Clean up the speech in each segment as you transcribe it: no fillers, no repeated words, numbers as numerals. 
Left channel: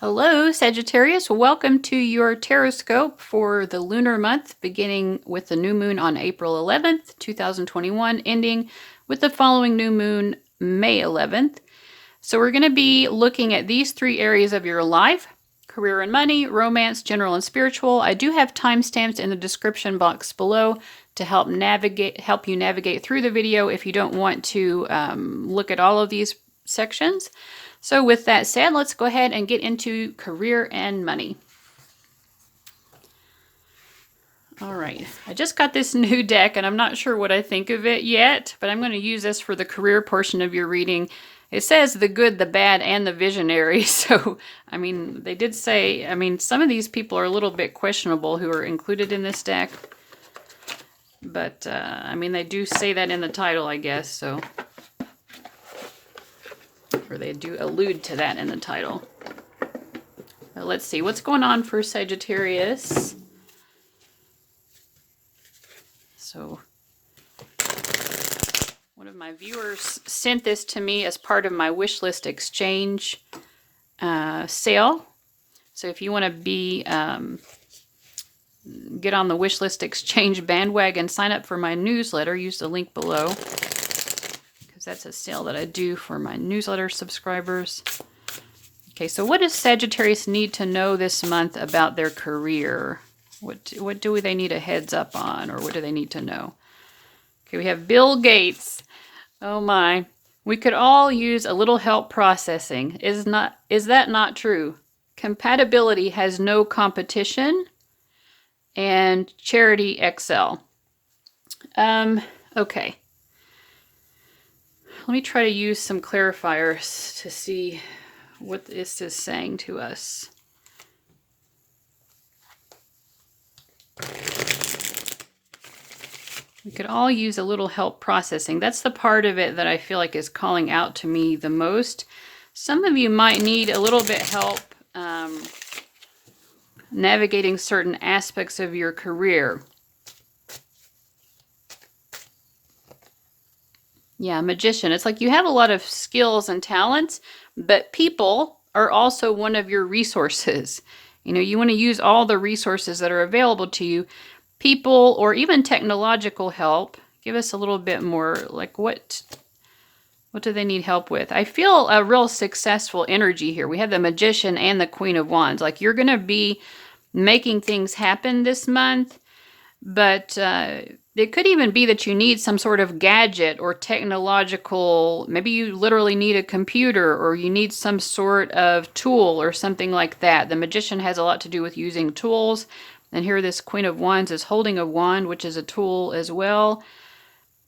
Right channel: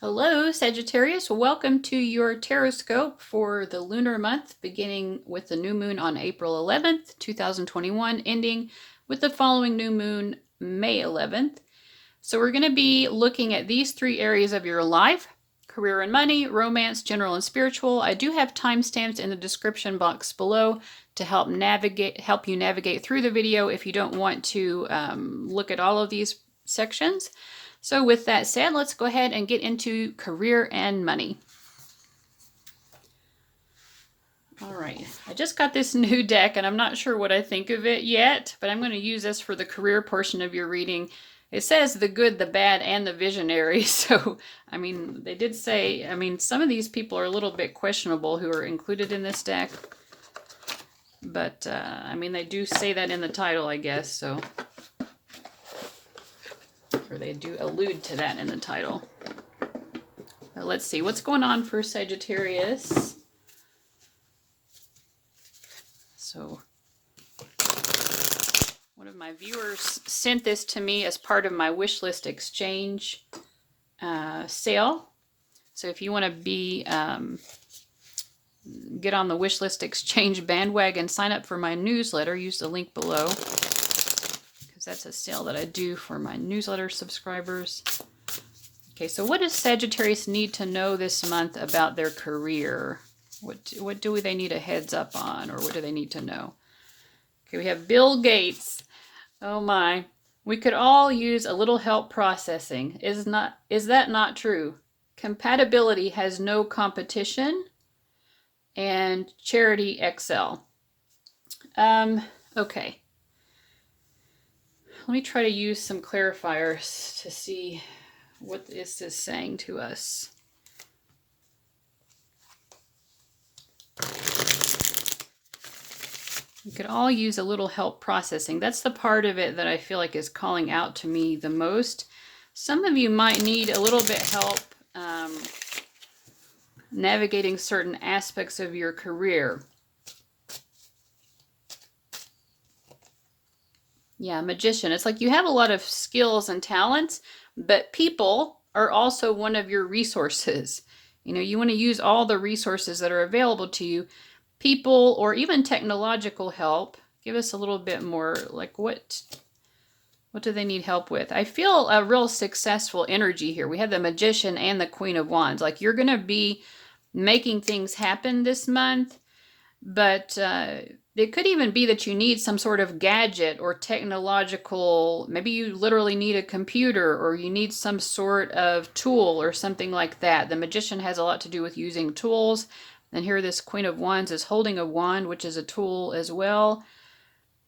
Hello, Sagittarius. Welcome to your Tarotscope for the lunar month, beginning with the new moon on April 11th, 2021, ending with the following new moon, May 11th. So we're going to be looking at these three areas of your life: career and money, romance, general and spiritual. I do have timestamps in the description box below to help you navigate through the video if you don't want to look at all of these sections. So with that said, let's go ahead and get into career and money. All right, I just got this new deck and I'm not sure what I think of it yet, but I'm going to use this for the career portion of your reading. It says the good, the bad, and the visionary. So, I mean, they did say, some of these people are a little bit questionable who are included in this deck. But, they do say that in the title, I guess, so. Or they do allude to that in the title. Let's see, what's going on for Sagittarius? So, one of my viewers sent this to me as part of my wish list exchange sale. So if you want to get on the wish list exchange bandwagon, sign up for my newsletter, use the link below. That's a sale that I do for my newsletter subscribers. Okay, so what does Sagittarius need to know this month about their career? What do they need a heads up on, or what do they need to know? Okay, we have Bill Gates. Oh my. We could all use a little help processing. Is that not true? Compatibility has no competition, and charity excel. Okay. Let me try to use some clarifiers to see what this is saying to us. We could all use a little help processing. That's the part of it that I feel like is calling out to me the most. Some of you might need a little bit help navigating certain aspects of your career. Yeah, magician. It's like you have a lot of skills and talents, but people are also one of your resources. You know, you want to use all the resources that are available to you. People or even technological help. Give us a little bit more, like what do they need help with? I feel a real successful energy here. We have the magician and the Queen of Wands. Like you're going to be making things happen this month, but it could even be that you need some sort of gadget or technological, maybe you literally need a computer or you need some sort of tool or something like that. The magician has a lot to do with using tools. And here this Queen of Wands is holding a wand, which is a tool as well.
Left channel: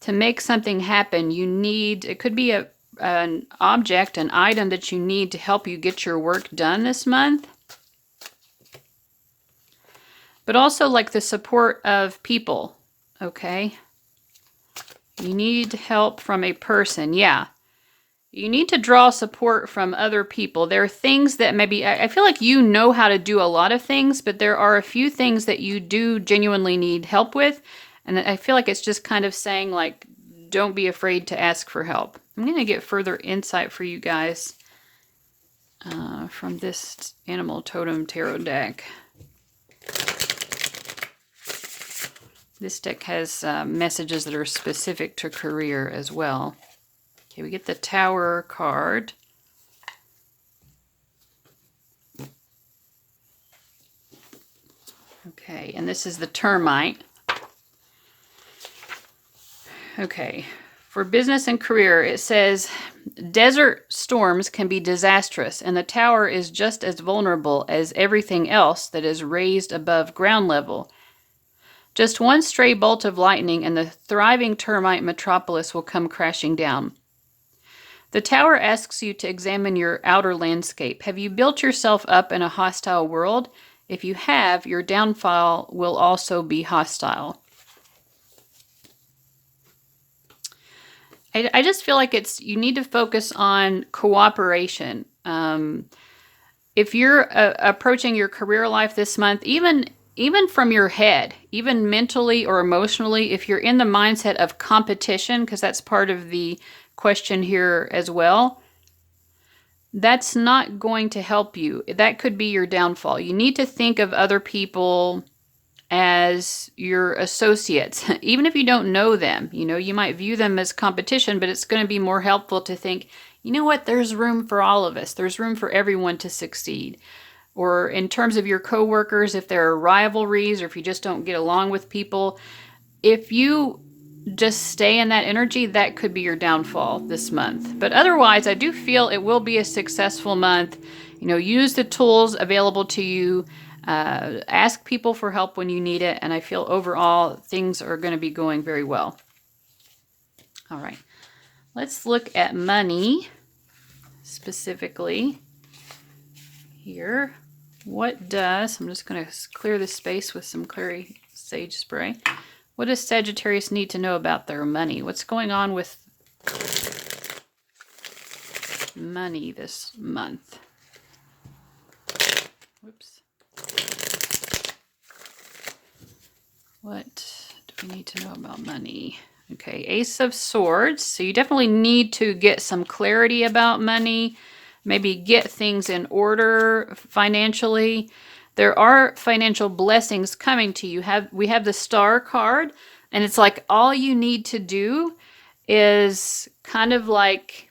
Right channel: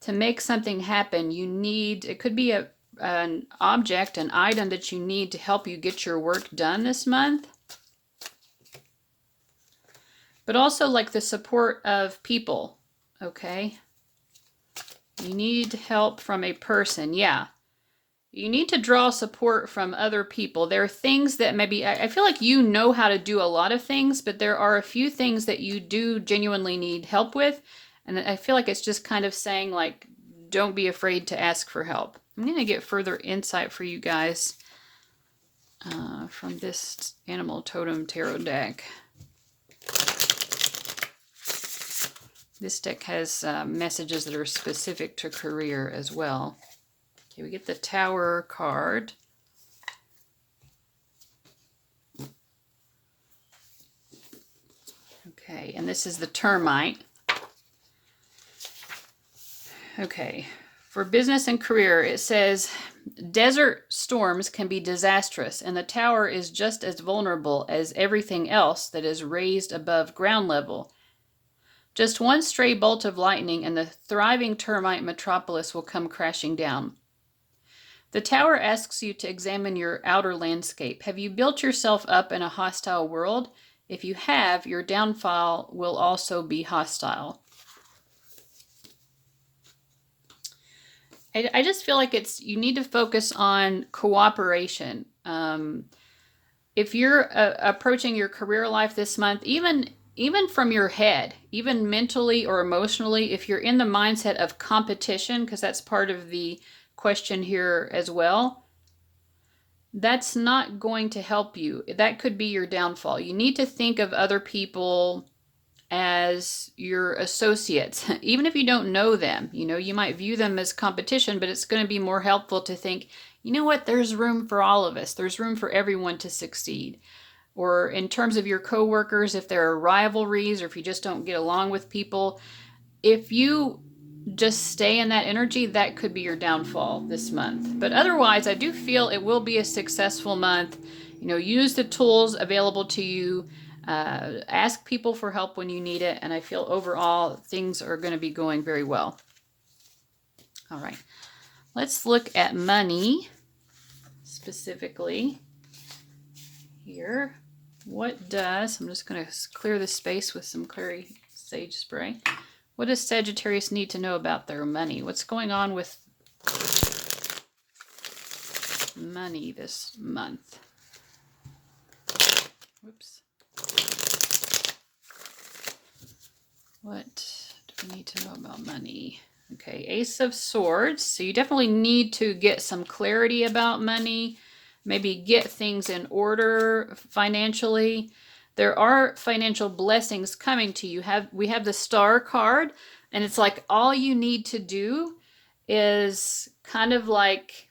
To make something happen, you need, it could be an object, an item that you need to help you get your work done this month. But also like the support of people. Okay, you need help from a person. Yeah, you need to draw support from other people. There are things that maybe, I feel like you know how to do a lot of things, but there are a few things that you do genuinely need help with. And I feel like it's just kind of saying like, don't be afraid to ask for help. I'm going to get further insight for you guys from this Animal Totem Tarot deck. This deck has messages that are specific to career as well. Okay, we get the Tower card. Okay, and this is the Termite. Okay, for business and career, it says, desert storms can be disastrous, and the Tower is just as vulnerable as everything else that is raised above ground level. Just one stray bolt of lightning and the thriving termite metropolis will come crashing down. The Tower asks you to examine your outer landscape. Have you built yourself up in a hostile world? If you have, your downfall will also be hostile. I just feel like you need to focus on cooperation. If you're approaching your career life this month, even from your head, even mentally or emotionally, if you're in the mindset of competition, because that's part of the question here as well, that's not going to help you. That could be your downfall. You need to think of other people as your associates, even if you don't know them. You know, you might view them as competition, but it's going to be more helpful to think, you know what, there's room for all of us. There's room for everyone to succeed. Or in terms of your coworkers, if there are rivalries or if you just don't get along with people, if you just stay in that energy, that could be your downfall this month. But otherwise, I do feel it will be a successful month. You know, use the tools available to you. Ask people for help when you need it. And I feel overall things are going to be going very well. All right. Let's look at money specifically here. What does, I'm just going to clear the space with some Clary Sage Spray. What does Sagittarius need to know about their money? What's going on with money this month? Whoops. What do we need to know about money? Okay, Ace of Swords. So you definitely need to get some clarity about money. Maybe get things in order financially. There are financial blessings coming to you. We have the Star card, and it's like all you need to do is kind of like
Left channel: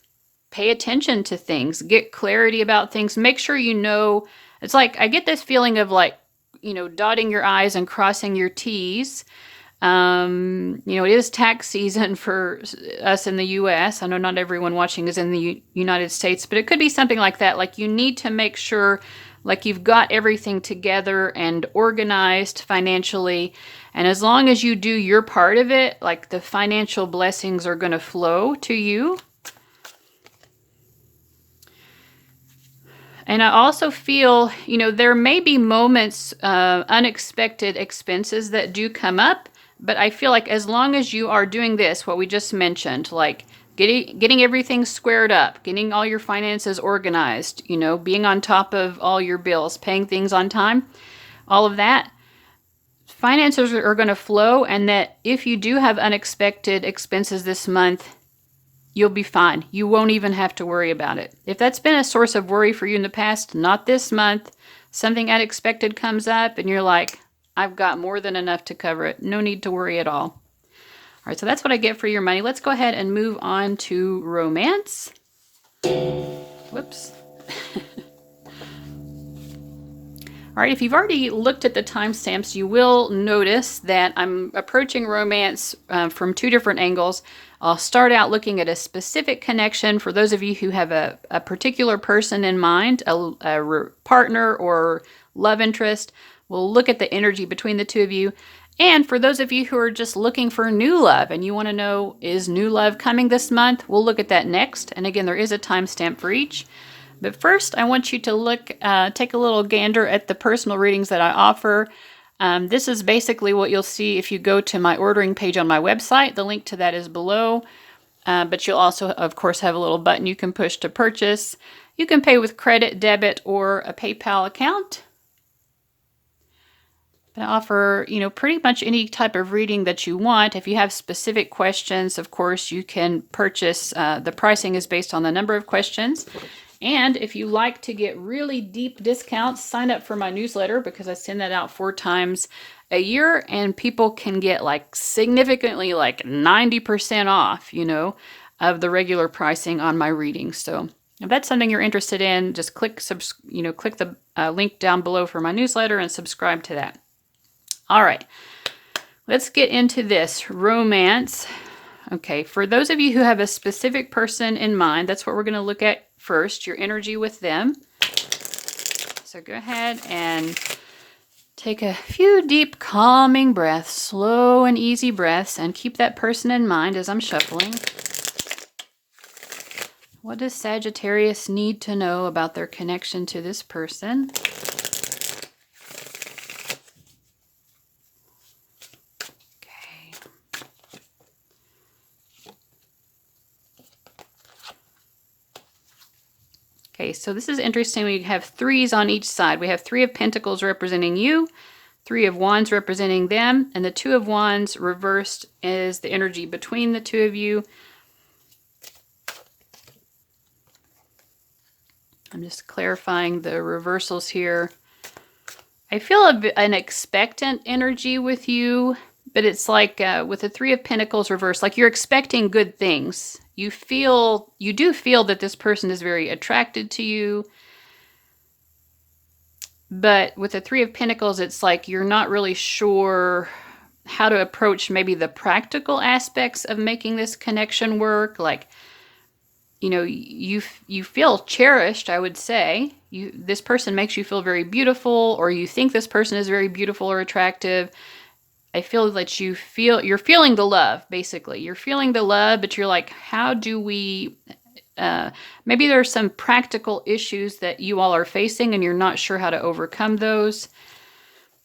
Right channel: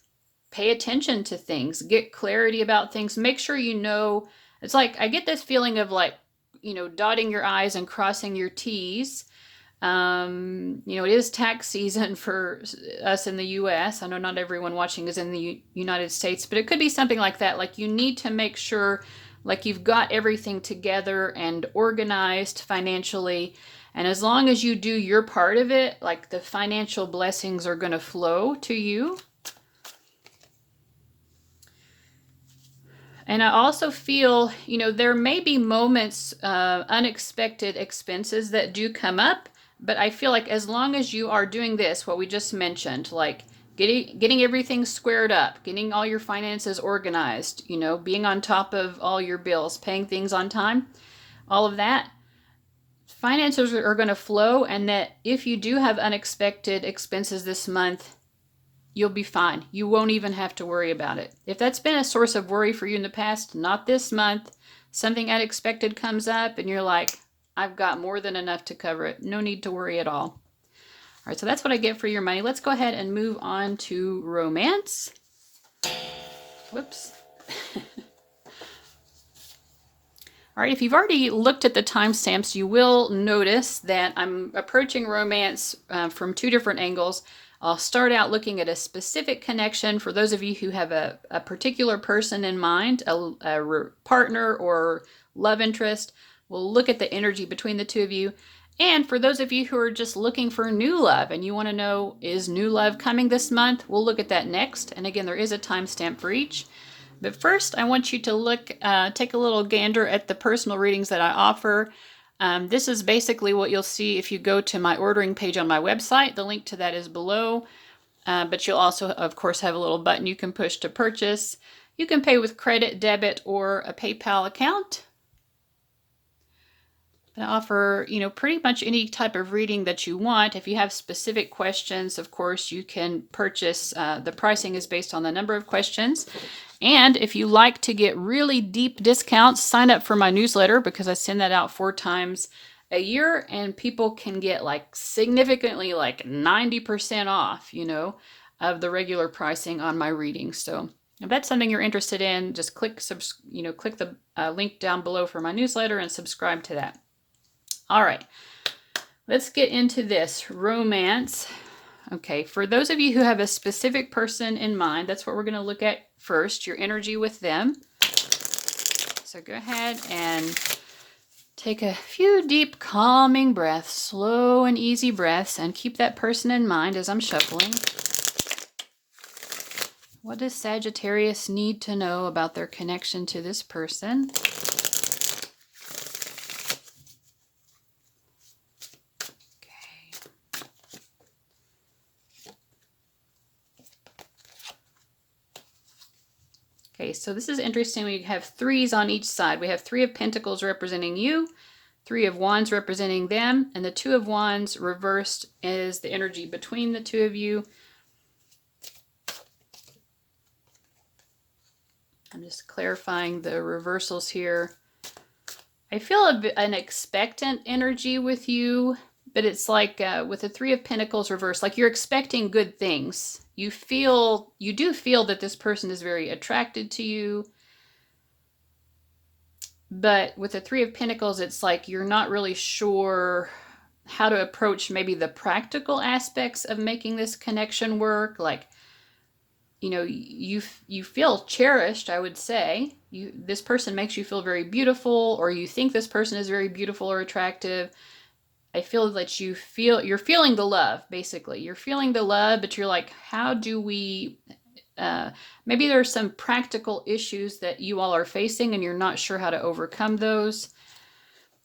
pay attention to things, get clarity about things, make sure you know. It's like I get this feeling of like, you know, dotting your I's and crossing your T's. You know, it is tax season for us in the U.S. I know not everyone watching is in the United States, but it could be something like that. Like you need to make sure like you've got everything together and organized financially. And as long as you do your part of it, like the financial blessings are going to flow to you. And I also feel, you know, there may be moments, unexpected expenses that do come up. But I feel like as long as you are doing this, what we just mentioned, like getting everything squared up, getting all your finances organized, you know, being on top of all your bills, paying things on time, all of that, finances are going to flow. And that if you do have unexpected expenses this month, you'll be fine. You won't even have to worry about it. If that's been a source of worry for you in the past, not this month. Something unexpected comes up and you're like, I've got more than enough to cover it. No need to worry at all. All right, so that's what I get for your money. Let's go ahead and move on to romance. Whoops. All right, if you've already looked at the timestamps, you will notice that I'm approaching romance from two different angles. I'll start out looking at a specific connection for those of you who have a particular person in mind, a partner or love interest. We'll look at the energy between the two of you. And for those of you who are just looking for new love and you want to know, is new love coming this month? We'll look at that next. And again, there is a timestamp for each. But first, I want you to look, take a little gander at the personal readings that I offer. This is basically what you'll see if you go to my ordering page on my website. The link to that is below. But you'll also, of course, have a little button you can push to purchase. You can pay with credit, debit, or a PayPal account. I offer, you know, pretty much any type of reading that you want. If you have specific questions, of course, you can purchase. The pricing is based on the number of questions. And if you like to get really deep discounts, sign up for my newsletter because I send that out 4 times a year and people can get like significantly like 90% off, you know, of the regular pricing on my readings. So if that's something you're interested in, just click the link down below for my newsletter and subscribe to that. All right, let's get into this romance. Okay, for those of you who have a specific person in mind, that's what we're going to look at first, your energy with them. So go ahead and take a few deep, calming breaths, slow and easy breaths, and keep that person in mind as I'm shuffling. What does Sagittarius need to know about their connection to this person? Okay, so this is interesting. We have 3s on each side. We have 3 of Pentacles representing you, 3 of Wands representing them, and the 2 of Wands reversed is the energy between the two of you. I'm just clarifying the reversals here. I feel an expectant energy with you, but it's like with the Three of Pentacles reversed, like you're expecting good things. You do feel that this person is very attracted to you, but with the Three of Pentacles, it's like you're not really sure how to approach maybe the practical aspects of making this connection work. Like, you know, you feel cherished, I would say. This person makes you feel very beautiful, or you think this person is very beautiful or attractive. I feel that you're feeling the love, basically. You're feeling the love, but you're like, how do we, maybe there's some practical issues that you all are facing and you're not sure how to overcome those.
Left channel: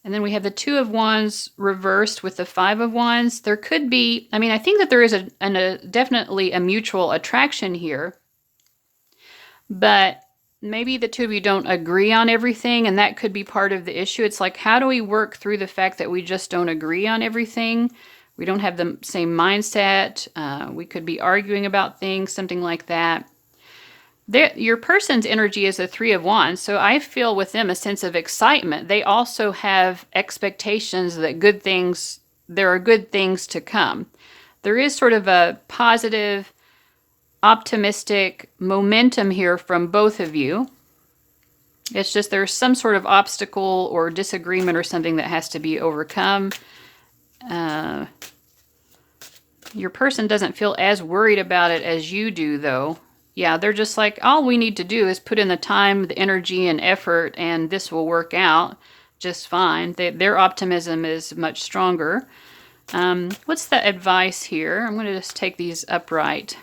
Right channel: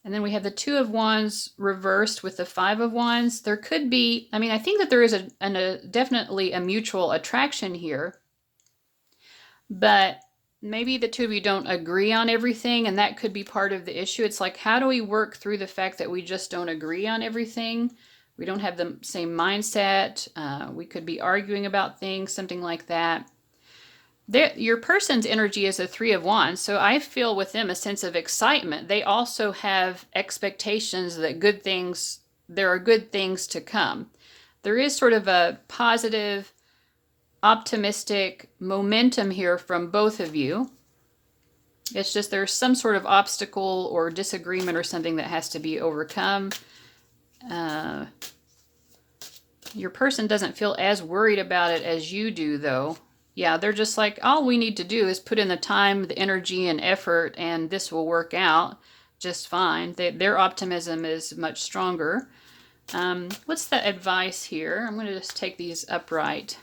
And then we have the Two of Wands reversed with the Five of Wands. There could be, I mean, I think that there is definitely a mutual attraction here, but maybe the two of you don't agree on everything, and that could be part of the issue. It's like, how do we work through the fact that we just don't agree on everything? We don't have the same mindset. We could be arguing about things, something like that. Your person's energy is a Three of Wands, so I feel with them a sense of excitement. They also have expectations that there are good things to come. There is sort of a positive, optimistic momentum here from both of you. It's just there's some sort of obstacle or disagreement or something that has to be overcome. Your person doesn't feel as worried about it as you do, though. Yeah, they're just like, all we need to do is put in the time, the energy, and effort, and this will work out just fine. Their optimism is much stronger. What's the advice here? I'm going to just take these upright.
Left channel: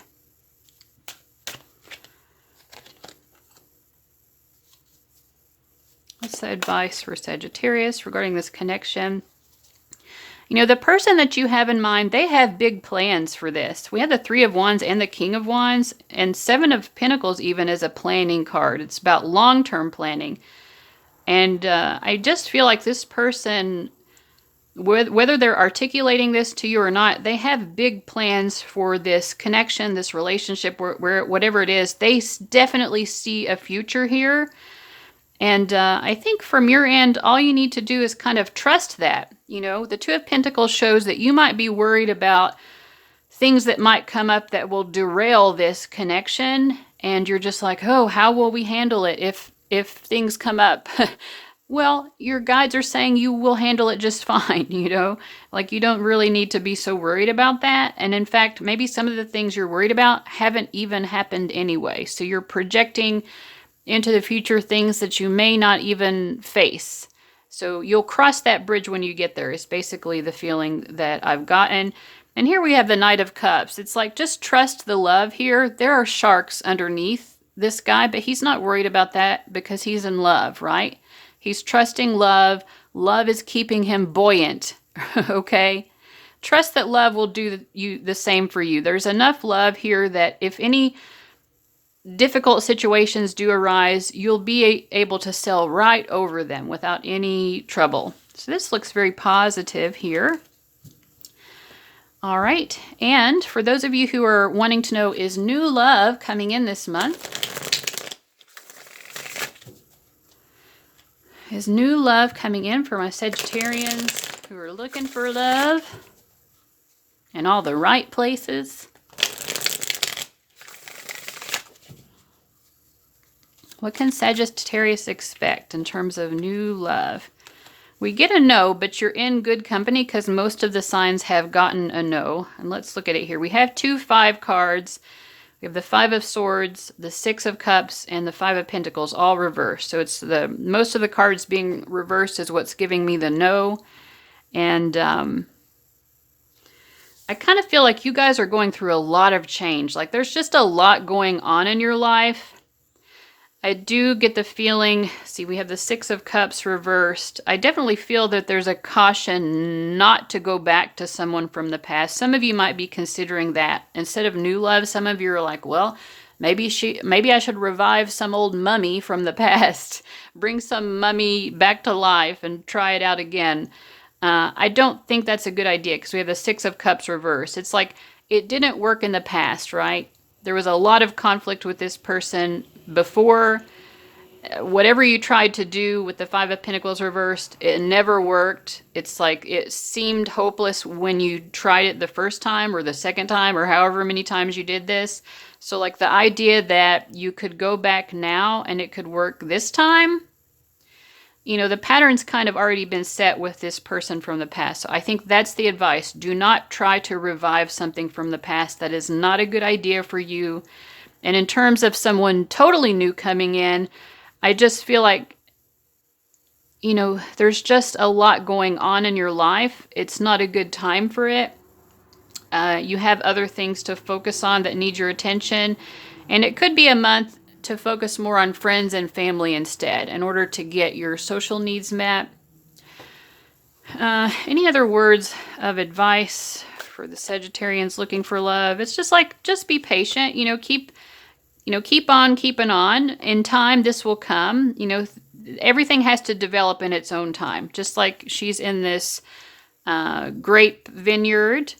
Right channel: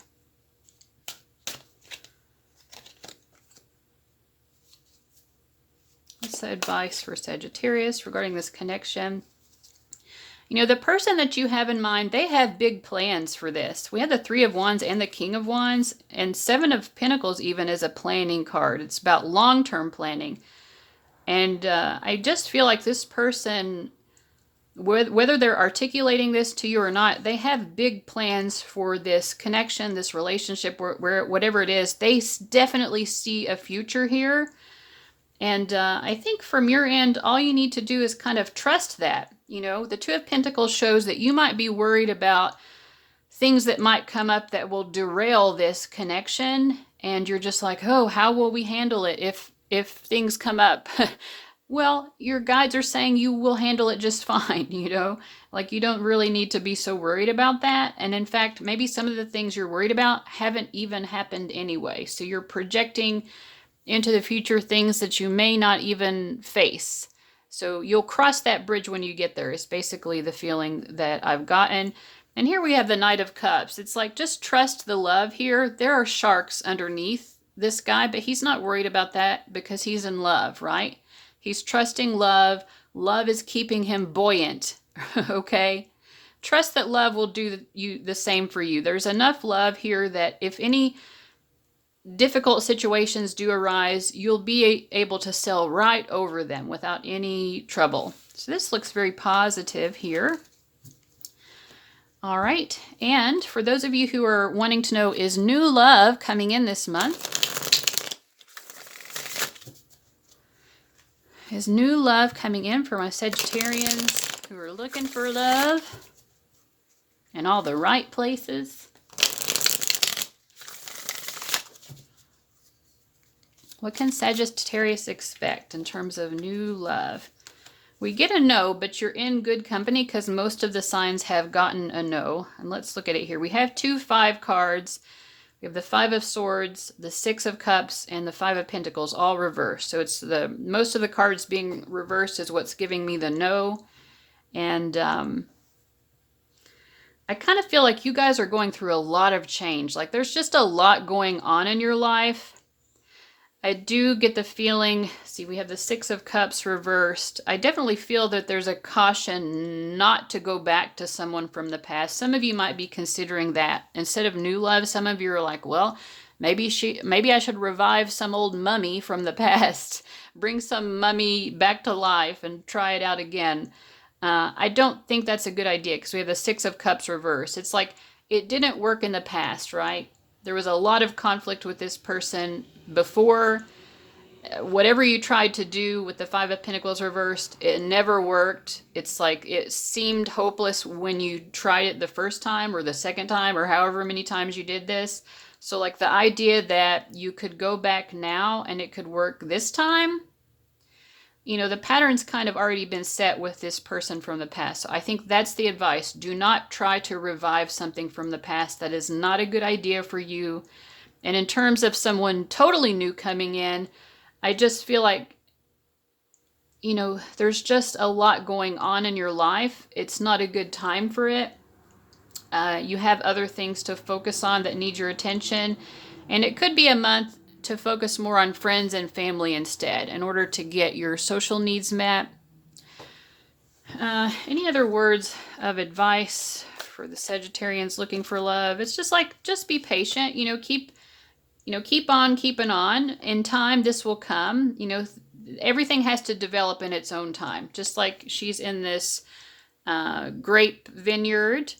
What's the advice for Sagittarius regarding this connection? You know, the person that you have in mind, they have big plans for this. We have the Three of Wands and the King of Wands, and Seven of Pentacles even is a planning card. It's about long-term planning. And I just feel like this person, whether they're articulating this to you or not, they have big plans for this connection, this relationship, where whatever it is, they definitely see a future here. And I think from your end, all you need to do is kind of trust that. You know, the Two of Pentacles shows that you might be worried about things that might come up that will derail this connection. And you're just like, oh, how will we handle it if things come up? Well, your guides are saying you will handle it just fine, you know? Like, you don't really need to be so worried about that. And in fact, maybe some of the things you're worried about haven't even happened anyway. So you're projecting into the future things that you may not even face. So you'll cross that bridge when you get there, is basically the feeling that I've gotten. And here we have the Knight of Cups. It's like, just trust the love here. There are sharks underneath this guy, but he's not worried about that because he's in love, right? He's trusting love. Love is keeping him buoyant, okay? Trust that love will do the same for you. There's enough love here that if any difficult situations do arise, you'll be able to sail right over them without any trouble. So this looks very positive here. All right, and for those of you who are wanting to know, is new love coming in this month? Is new love coming in for my Sagittarians who are looking for love in all the right places? What can Sagittarius expect in terms of new love? We get a no, but you're in good company because most of the signs have gotten a no. And let's look at it here. We have 2 5 cards. We have the Five of Swords, the Six of Cups, and the Five of Pentacles, all reversed. So it's most of the cards being reversed is what's giving me the no. And I kind of feel like you guys are going through a lot of change. Like, there's just a lot going on in your life. I do get the feeling, see, we have the Six of Cups reversed. I definitely feel that there's a caution not to go back to someone from the past. Some of you might be considering that. Instead of new love, some of you are like, well, maybe I should revive some old mummy from the past. Bring some mummy back to life and try it out again. I don't think that's a good idea because we have the Six of Cups reversed. It's like, it didn't work in the past, right? There was a lot of conflict with this person before. whatever you tried to do with the Five of Pentacles reversed, it never worked. It's like it seemed hopeless when you tried it the first time or the second time or however many times you did this. So like the idea that you could go back now and it could work this time, you know, the pattern's kind of already been set with this person from the past. So I think that's the advice. Do not try to revive something from the past. That is not a good idea for you. And in terms of someone totally new coming in, I just feel like, you know, there's just a lot going on in your life. It's not a good time for it. You have other things to focus on that need your attention. And it could be a month to focus more on friends and family instead in order to get your social needs met. Any other words of advice for the Sagittarians looking for love? It's just like, just be patient, keep on keeping on. In time, this will come. Everything has to develop in its own time. Just like she's in this grape vineyard,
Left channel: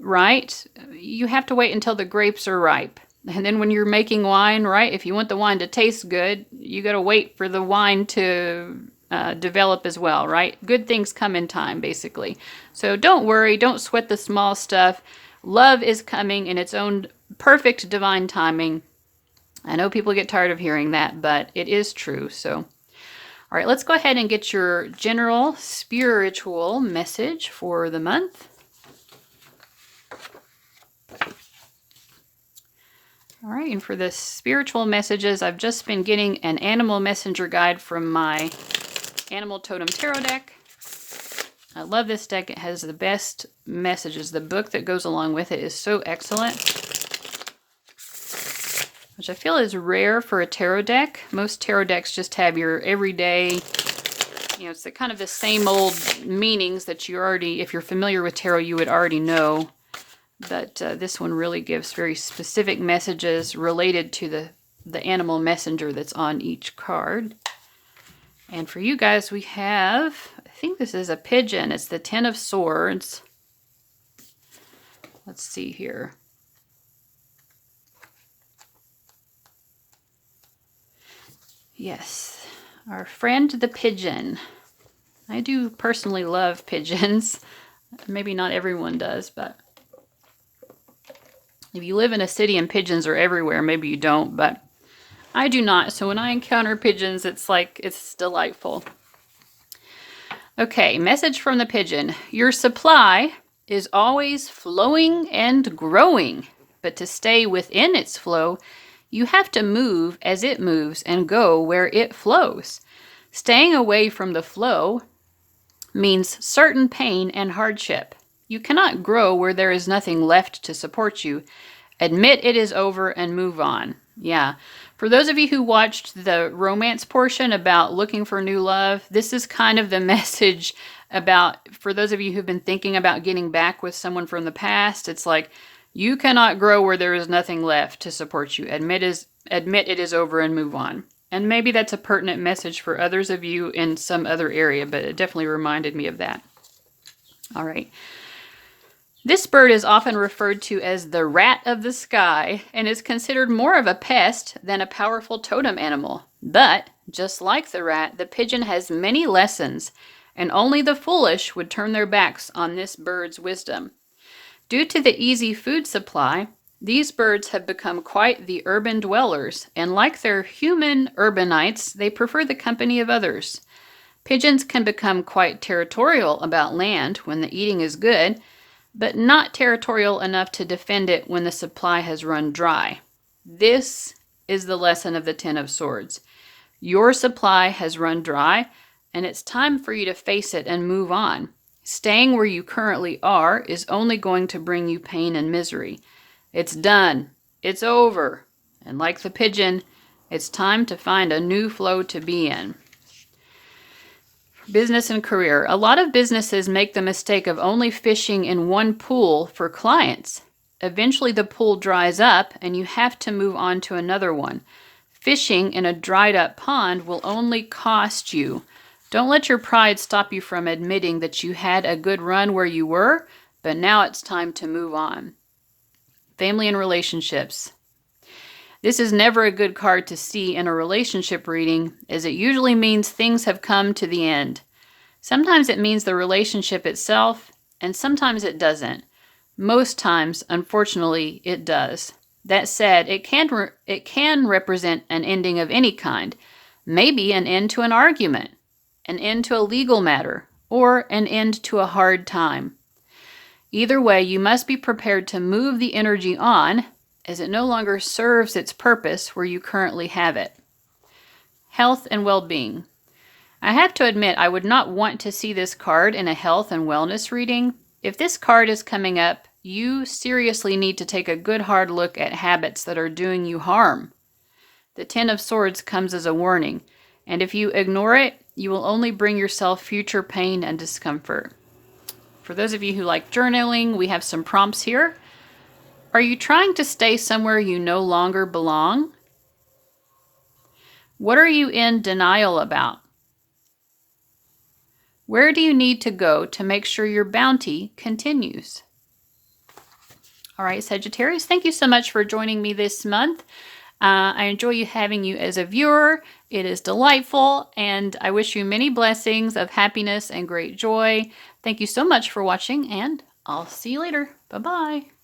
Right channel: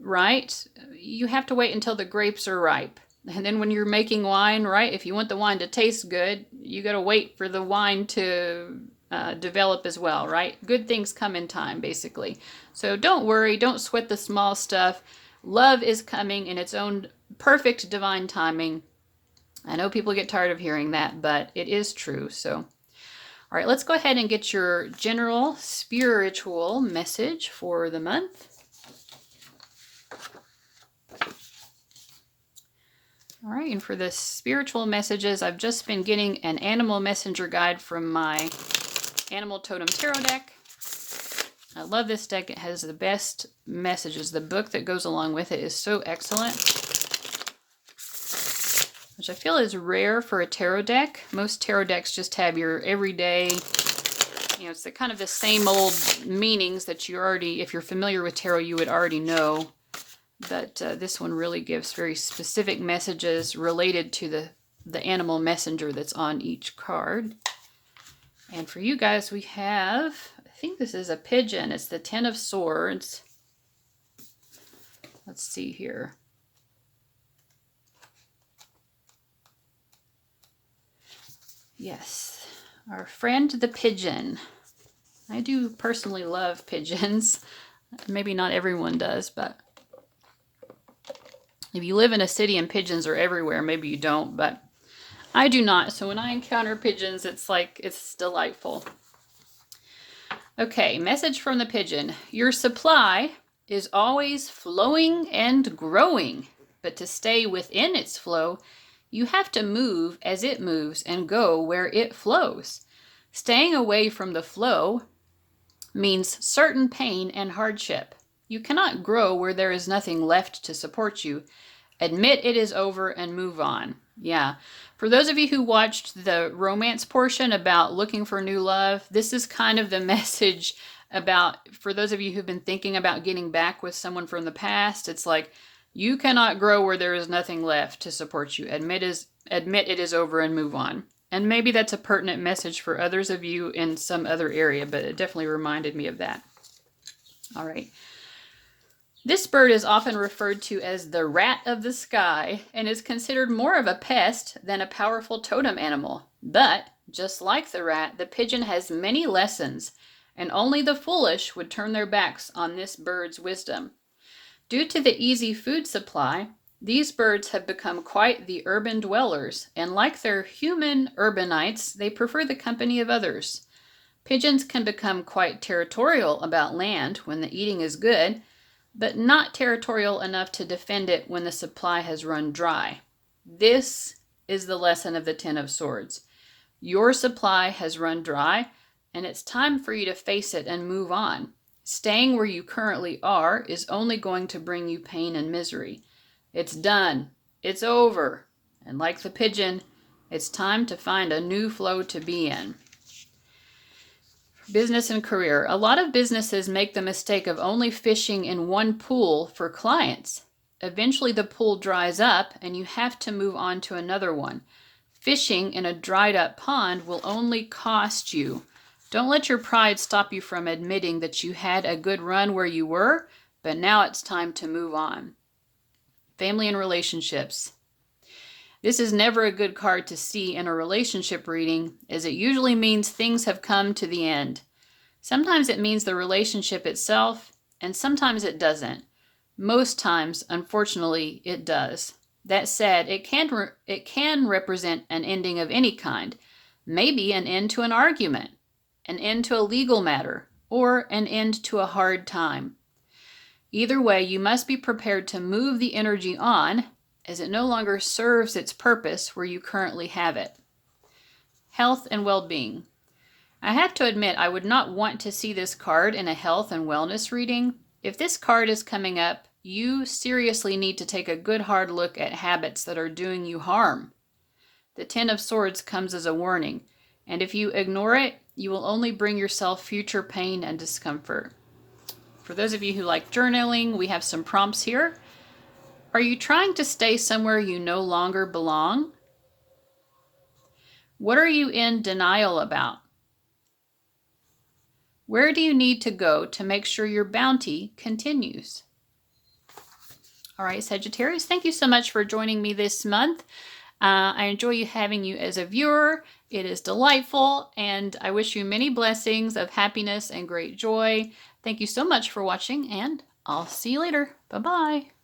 right? You have to wait until the grapes are ripe. And then when you're making wine, right, if you want the wine to taste good, you got to wait for the wine to develop as well, right? Good things come in time, basically. So don't worry. Don't sweat the small stuff. Love is coming in its own perfect divine timing. I know people get tired of hearing that, but it is true. So, all right, let's go ahead and get your general spiritual message for the month. All right, and for the spiritual messages, I've just been getting an animal messenger guide from my Animal Totem Tarot deck. I love this deck. It has the best messages. The book that goes along with it is so excellent, which I feel is rare for a tarot deck. Most tarot decks just have your everyday, it's the kind of the same old meanings that you already, if you're familiar with tarot, you would already know. But this one really gives very specific messages related to the animal messenger that's on each card. And for you guys, we have, I think this is a pigeon. It's the Ten of Swords. Let's see here. Yes, our friend the pigeon. I do personally love pigeons. Maybe not everyone does, but if you live in a city and pigeons are everywhere, maybe you don't, but I do not. So when I encounter pigeons, it's like, it's delightful. Okay, message from the pigeon. Your supply is always flowing and growing, but to stay within its flow, you have to move as it moves and go where it flows. Staying away from the flow means certain pain and hardship. You cannot grow where there is nothing left to support you. Admit it is over and move on. Yeah. For those of you who watched the romance portion about looking for new love, this is kind of the message about, for those of you who've been thinking about getting back with someone from the past, it's like, you cannot grow where there is nothing left to support you. Admit it is over and move on. And maybe that's a pertinent message for others of you in some other area, but it definitely reminded me of that. All right. This bird is often referred to as the rat of the sky and is considered more of a pest than a powerful totem animal. But, just like the rat, the pigeon has many lessons, and only the foolish would turn their backs on this bird's wisdom. Due to the easy food supply, these birds have become quite the urban dwellers, and like their human urbanites, they prefer the company of others. Pigeons can become quite territorial about land when the eating is good, but not territorial enough to defend it when the supply has run dry. This is the lesson of the Ten of Swords. Your supply has run dry, and it's time for you to face it and move on. Staying where you currently are is only going to bring you pain and misery. It's done. It's over. And like the pigeon, it's time to find a new flow to be in. Business and career. A lot of businesses make the mistake of only fishing in one pool for clients. Eventually the pool dries up and you have to move on to another one. Fishing in a dried up pond will only cost you. Don't let your pride stop you from admitting that you had a good run where you were, but now it's time to move on. Family and relationships. This is never a good card to see in a relationship reading, as it usually means things have come to the end. Sometimes it means the relationship itself, and sometimes it doesn't. Most times, unfortunately, it does. That said, it can represent an ending of any kind. Maybe an end to an argument, an end to a legal matter, or an end to a hard time. Either way, you must be prepared to move the energy on, as it no longer serves its purpose where you currently have it. Health and well-being. I have to admit, I would not want to see this card in a health and wellness reading. If this card is coming up, you seriously need to take a good hard look at habits that are doing you harm. The Ten of Swords comes as a warning, and if you ignore it, you will only bring yourself future pain and discomfort. For those of you who like journaling, we have some prompts here. Are you trying to stay somewhere you no longer belong? What are you in denial about? Where do you need to go to make sure your bounty continues? All right, Sagittarius, thank you so much for joining me this month. I enjoy having you as a viewer. It is delightful, and I wish you many blessings of happiness and great joy. Thank you so much for watching, and I'll see you later. Bye-bye.